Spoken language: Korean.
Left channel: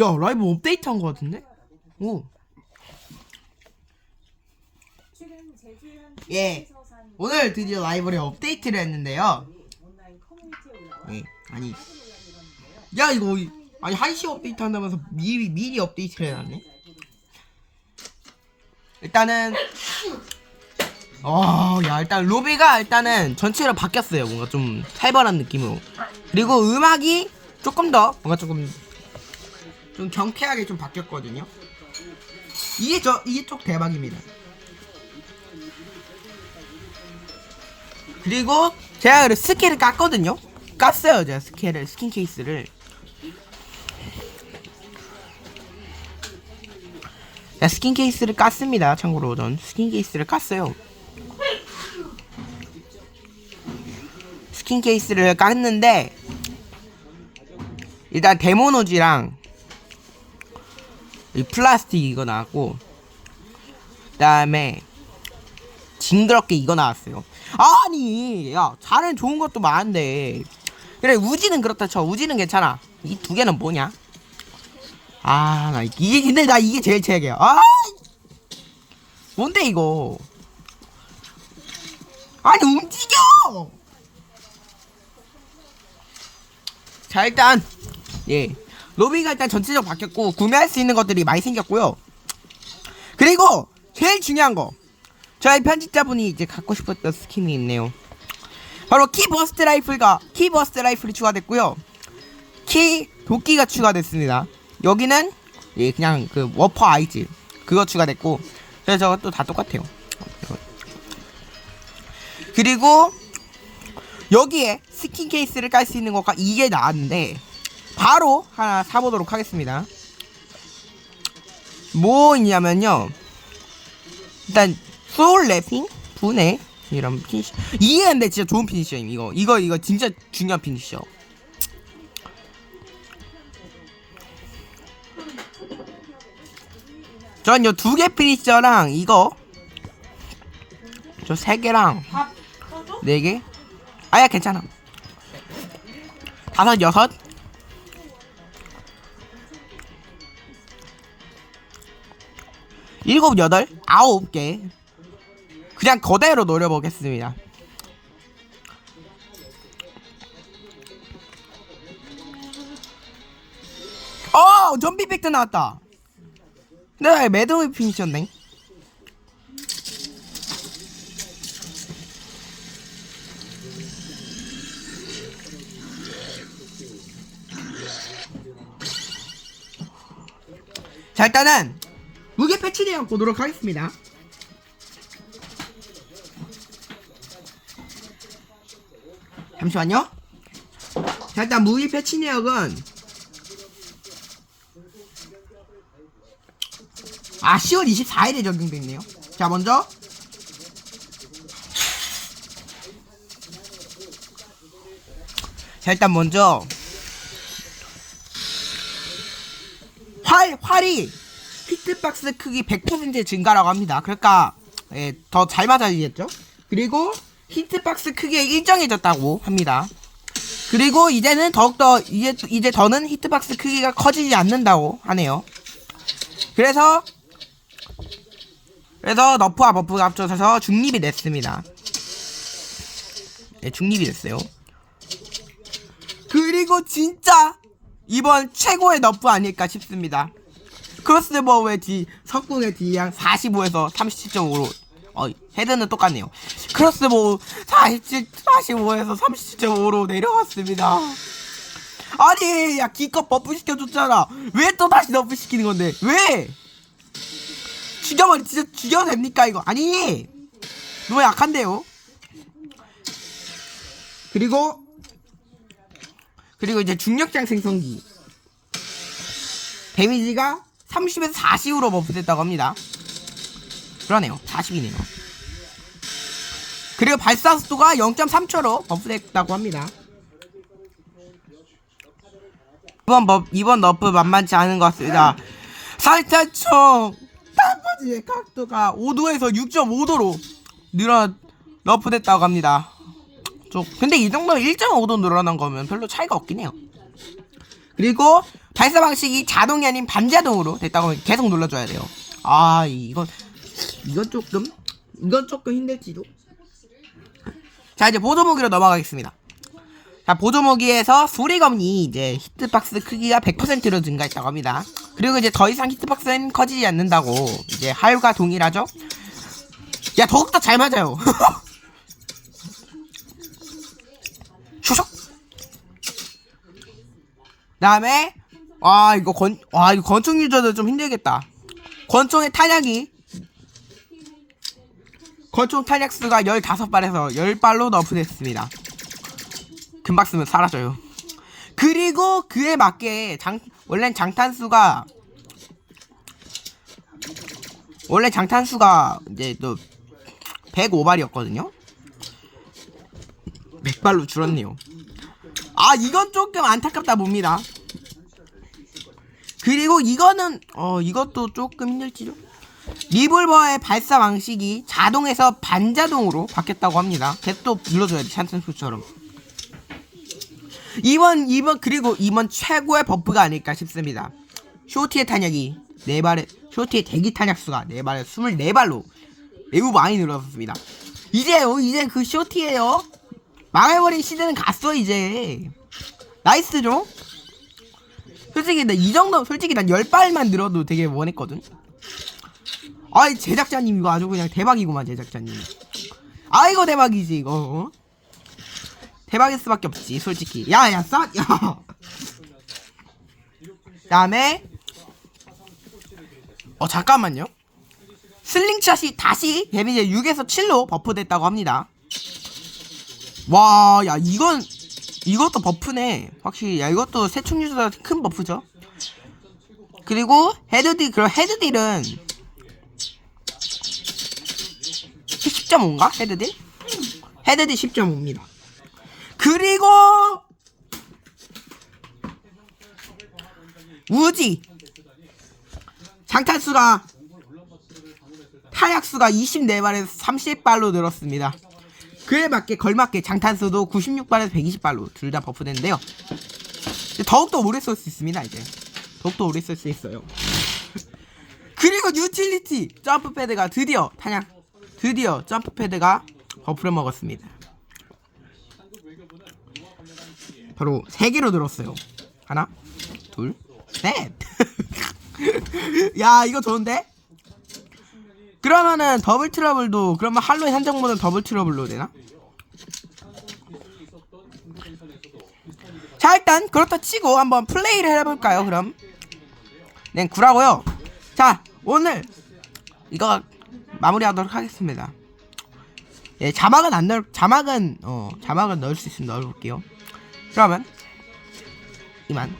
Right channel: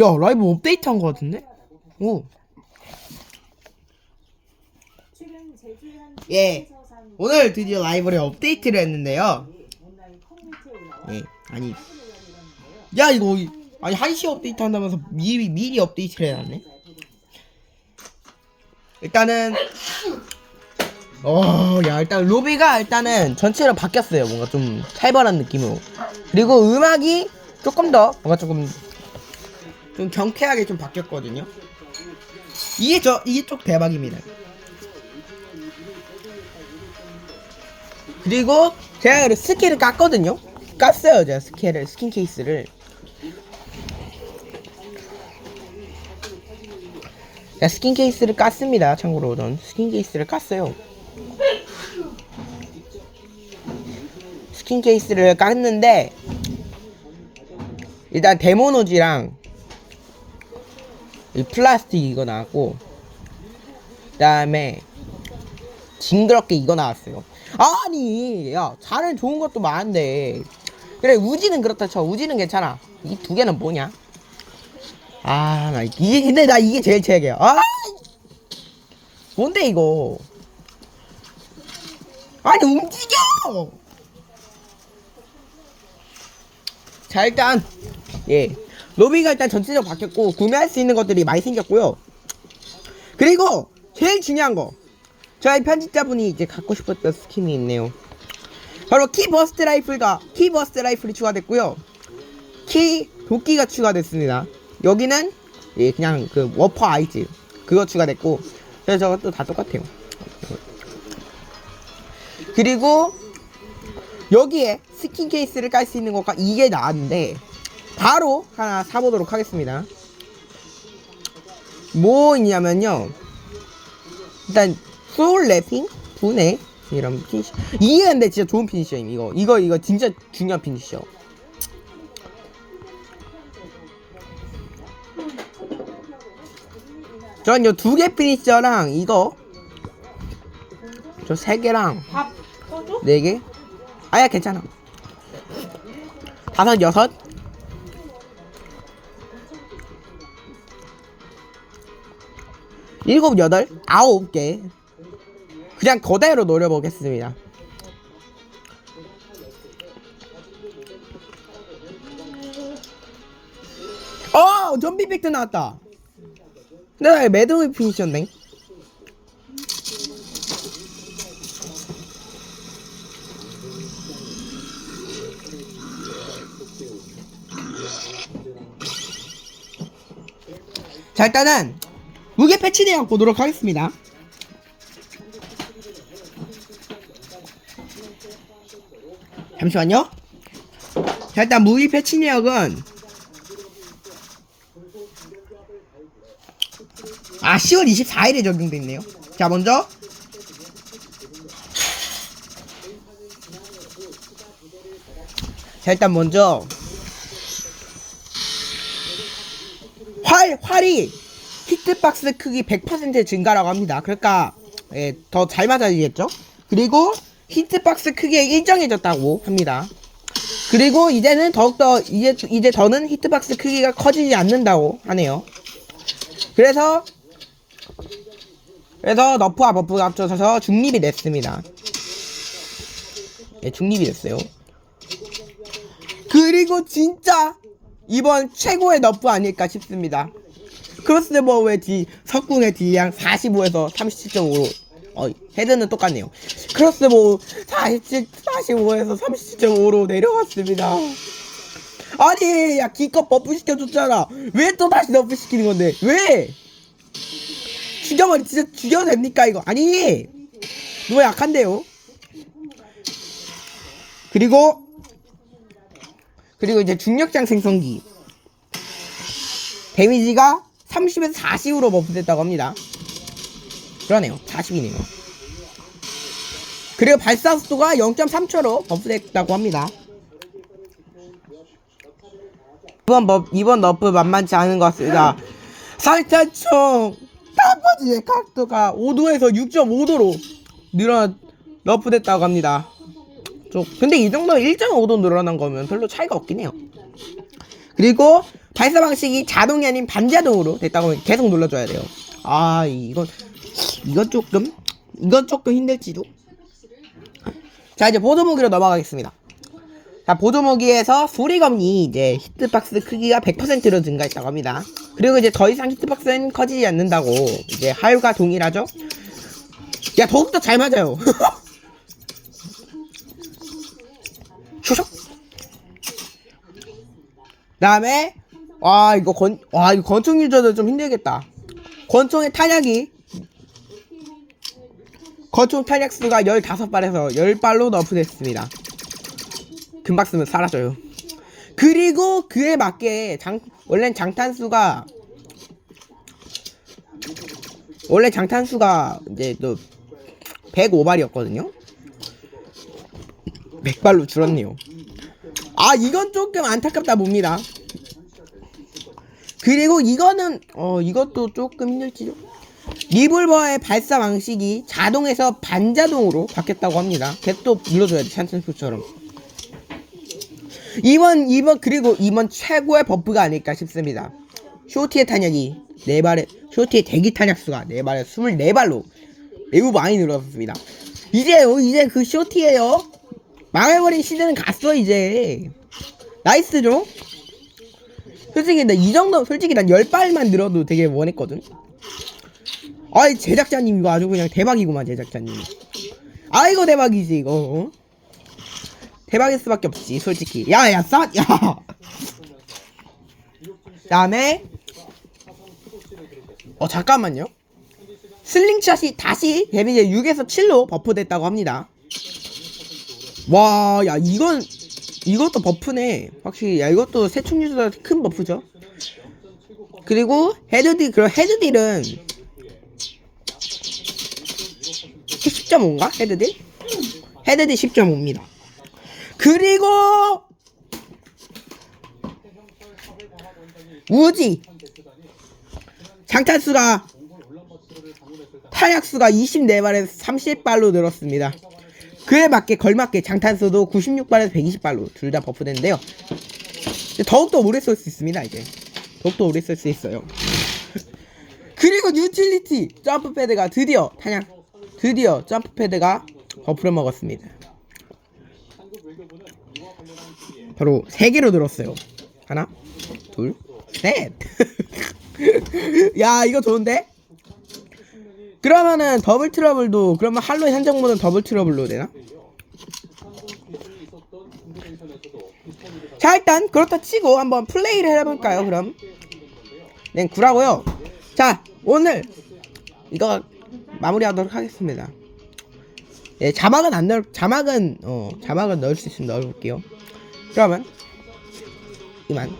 야 라이브 업데이트 한 거 같은데? 오. 예. 오늘 드디어 라이브를 업데이트를 했는데요. 예. 아니. 야 이거 이- 아니 한시 업데이트 한다면서 미리 미리 업데이트를 해놨네. 일단은 어, 야 일단 로비가 일단은 전체로 바뀌었어요. 뭔가 좀 살벌한 느낌으로. 그리고 음악이 조금 더 뭔가 조금 좀 경쾌하게 좀 바뀌었거든요. 이게 저 이게 쪽 대박입니다. 그리고 제가 그 스킨을 깠거든요. 깠어요, 제가 스킨을 스킨 케이스를. 자, 스킨 케이스를 깠습니다. 참고로 전 스킨 케이스를 깠어요. 스킨 케이스를 깠는데 일단 데모노지랑 이 플라스틱 이거 나왔고 그다음에 징그럽게 이거 나왔어요. 아니, 야, 자는 좋은 것도 많은데 그래 우지는 그렇다 쳐. 우지는 괜찮아. 이 두 개는 뭐냐? 아, 나 이게 근데 나 이게 제일 최악이야. 아, 뭔데 이거? 아니 움직여! 자 일단 예 로비가 일단 전체적으로 바뀌었고 구매할 수 있는 것들이 많이 생겼고요. 그리고 제일 중요한 거 저희 편집자분이 이제 갖고 싶었던 스킨이 있네요. 바로 키 버스트 라이플과 키 버스트 라이플이 추가됐고요. 키 도끼가 추가됐습니다. 여기는 예 그냥 그 워퍼 아이즈 그거 추가됐고 그래서 저것도 다 똑같아요. 그리고 여기에 스킨 케이스를 깔 수 있는 것과 이게 나왔는데 바로 하나 사보도록 하겠습니다. 뭐 있냐면요. 일단 소울 래핑 분해 이런 피니시 이게 근데 진짜 좋은 피니셔임 이거 이거 이거 진짜 중요한 피니셔. 전 요 두 개 피니셔랑 이거 저 세 개랑 네 개? 아야 괜찮아. 다섯 여섯 일곱 여덟 아홉 개 그냥 거대로 노려보겠습니다. 어 좀비 팩트 나왔다. 네 매드웨이 피니셨네. 자 일단은 무게 패치 내용 보도록 하겠습니다. 잠시만요. 자 일단 무기 패치 내역은 아 10월 24일에 적용됐네요. 자 먼저 자 일단 먼저 활 활이 히트박스 크기 100% 증가라고 합니다. 그러니까 예, 더 잘 맞아지겠죠? 그리고 히트 박스 크기가 일정해졌다고 합니다. 그리고 이제는 더욱더 이제 이제 더는 히트 박스 크기가 커지지 않는다고 하네요. 그래서 그래서 너프와 버프가 합쳐져서 중립이 됐습니다. 네, 중립이 됐어요. 그리고 진짜 이번 최고의 너프 아닐까 싶습니다. 크로스버의 D 석궁의 D량 45에서 37.5로 어 헤드는 똑같네요. 크로스보 47 45에서 37.5로 내려갔습니다. 아니 야 기껏 버프 시켜줬잖아. 왜 또 다시 너프 시키는 건데 왜? 죽여버리 진짜 죽여도 됩니까 이거 아니 너무 약한데요. 그리고 그리고 이제 중력장 생성기 데미지가 30에서 40으로 버프됐다고 합니다. 그러네요. 40이네요. 그리고 발사 속도가 0.3초로 버프됐다고 합니다. 이번 버, 이번 너프 만만치 않은 것 같습니다. 살차총 땀버지의 각도가 5도에서 6.5도로 늘어 너프됐다고 합니다. 좀 근데 이 정도 1.5도 늘어난 거면 별로 차이가 없긴 해요. 그리고 발사 방식이 자동이 아닌 반자동으로 됐다고 계속 눌러줘야 돼요. 아 이건 이건 조금 이건 조금 힘들지도. 자 이제 보조 무기로 넘어가겠습니다. 자 보조 무기에서 소리검이 이제 히트박스 크기가 100%로 증가했다고 합니다. 그리고 이제 더 이상 히트박스는 커지지 않는다고 이제 하유가 동일하죠. 야 더욱더 잘 맞아요. 다음에 와 이거 권 와 이거 권총 유저도 좀 힘들겠다. 권총의 탄약이 권총 탄약 수가 15발에서 10발로 너프됐습니다. 금방 쓰면 사라져요. 그리고 그에 맞게 장 원래는 장탄수가 원래 장탄수가 이제 또 105발이었거든요. 100발로 줄었네요. 아 이건 조금 안타깝다 봅니다. 그리고 이거는 어 이것도 조금 힘들지요. 리볼버의 발사 방식이 자동에서 반자동으로 바뀌었다고 합니다. 계속 눌러줘야 돼 샨센수처럼. 이번 이번 그리고 이번 최고의 버프가 아닐까 싶습니다. 쇼티의 탄약이 4발에 쇼티의 대기 탄약 수가 4발에 24발로 매우 많이 늘어났습니다. 이제요 이제 그 쇼티에요. 망해버린 시대는 갔어 이제. 나이스죠? 솔직히 나 이 정도 솔직히 난 10발만 늘어도 되게 원했거든. 아이 제작자님 이거 아주 그냥 대박이구만 제작자님. 아이고 대박이지 이거. 어? 대박일 수밖에 없지 솔직히. 야야 싸 야. 다음에 어 잠깐만요. 슬링샷이 다시 데미지 6에서 7로 버프됐다고 합니다. 와, 야, 이건, 이것도 버프네. 확실히, 야, 이것도 세충 유저보다 큰 버프죠. 그리고, 헤드딜, 그럼 헤드딜은, 10.5인가? 헤드딜? 헤드딜 10.5입니다. 그리고, 우지! 장탄수가, 타약수가 24발에서 30발로 늘었습니다. 그에 맞게 걸맞게 장탄수도 96발에서 120발로 둘 다 버프됐는데요. 더욱더 오래 쓸 수 있습니다, 이제. 더욱더 오래 쓸 수 있어요. 그리고 뉴틸리티 점프 패드가 드디어 탄약 드디어 점프 패드가 버프를 먹었습니다. 바로 3개로 늘었어요. 하나, 둘, 셋. 야, 이거 좋은데? 그러면은 더블 트러블도 그러면 할로윈 한정 모드는 더블 트러블로 되나? 자 일단 그렇다 치고 한번 플레이를 해볼까요 그럼? 네 구라고요 자 오늘 이거 마무리하도록 하겠습니다 예 자막은 안 넣을 자막은 어 자막은 넣을 수 있으면 넣어볼게요 그러면 이만